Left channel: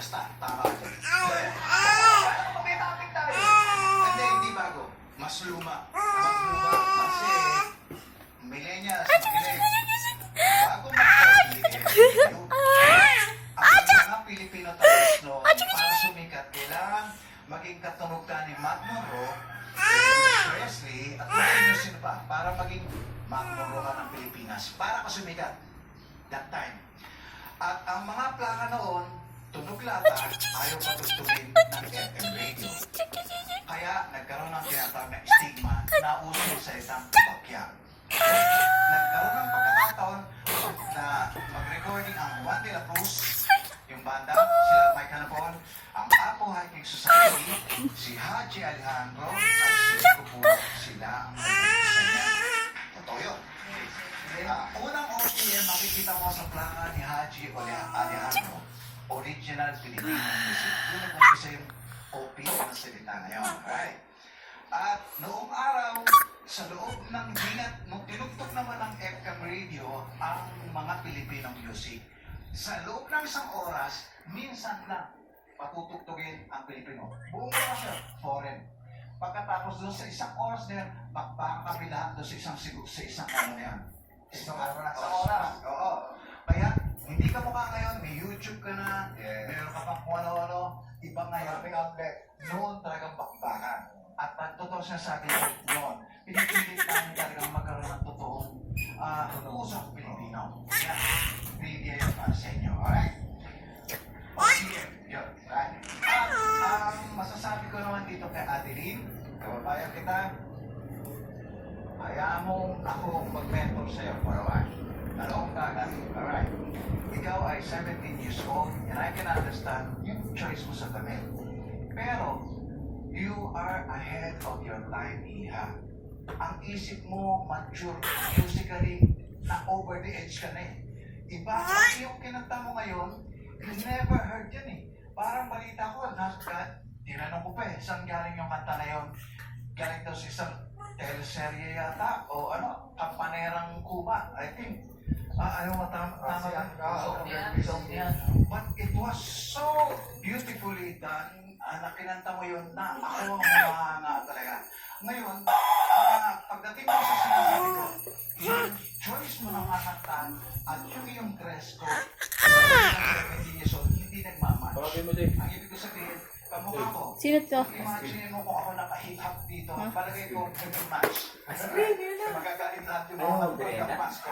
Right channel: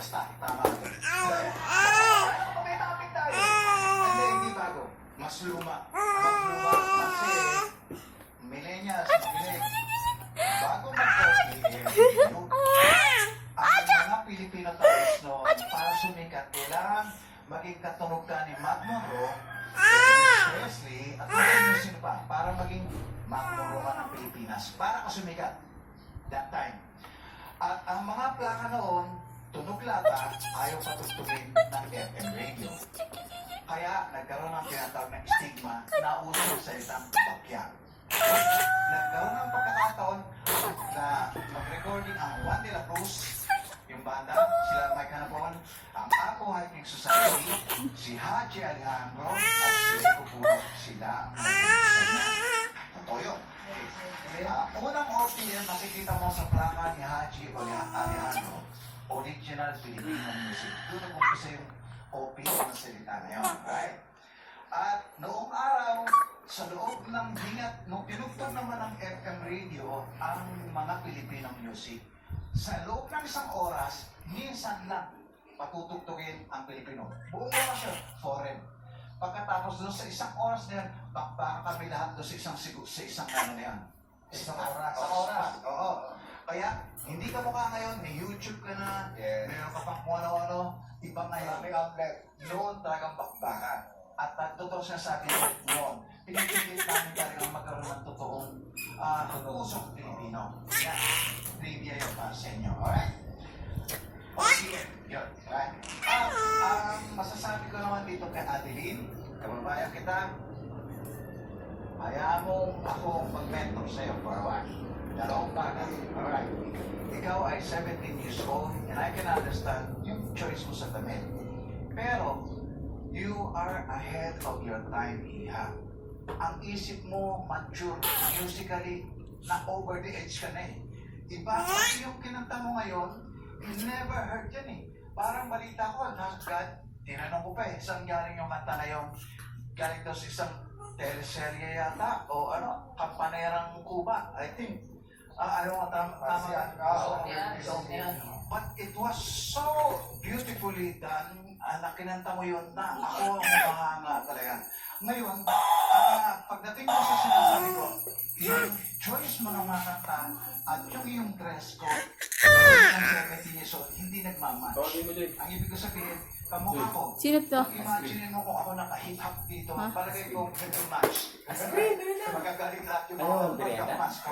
Basta, tama. Topic tayo. Hindi bago. Mas luma. Mas luma. Kasi, millennials, bago mag-COVID, ang mga Pilipino tayo, no, para sumikat, kailangan maging katunog ka ni Mac Monroe, Presley, at kung sino pa, para maging Mac Monroe ka ng Pilipinas, para ka sumikat that time. At ang mga plaka noon, tunog lata, ayaw patugtugin ng FM radio. Kaya nagkaroon ng tinatawag na stigma na uso sa isang bakya. Nagkaroon ng pagkakataon na mag-recording ang Juan de la Cruz, yung banda, sila Mike Hanapon, ang Apo Hiking Society, si Haji Alejandro, at si Kupuro, sila ang mag-isa niya. Totoo yun. Unang OPM, makikita mo sa plaka ni Haji Alejandro, original Filipino music. Doon nag-umpisa yung OPM ng salita ngayon. Right? At noong araw, sa loob ng hingat, nung tinugtog naman ng FM radio ang mga Filipino music, sa loob ng isang oras, minsan lang patutugtugin ang Pilipino. Buong oras siya, foreign. Pagkatapos doon sa isang oras na yan, bakbaka kami lahat doon sa isang ano na yan. Isang oras. Oo. Kaya, hindi ka mukha ngayon, may YouTube ka na, mayroon ka pang kung ano-ano, iba ngayon. Noon talagang bakbakan. At totoo siya sabi noon, pinipilit namin talagang magkaroon ng totoong usap Pilipino. Media yung para sa inyo, alright? OPM, yun, right? Masasabi ko naman dito kay Adeline, kababayan kita, hayaan mong akong mag-mentor sa'yo for a while. Dalawang dagat, alright? Ikaw ay 17 years old and I can understand yung choice mo sa damit. Pero, you are ahead of your time, Iha. Ang isip mo, mature, musically, na over the edge ka na eh. Iba kasi yung kinanta mo ngayon, you never heard yan eh. Parang balita ko, tinanong ko pa eh, saan galing yung kanta na yun? Galing daw sa isang teleserye yata, o ano, Kampanerang Cuba, I think. Ano tama but it was so beautifully done na kinanta mo yun na ako ang mahanga talaga. Ngayon, pagdating mo sa sinasabi ko, yung choice mo ng mga kanta at yung iyong dress code hindi nagmamatch. Ang ibig ko sabihin, kamukha ko. Sino to? Imagine mo kung ako naka-hip-hop dito, palagay ko nag-match. Magagalit lahat yung mga pagkamas ko.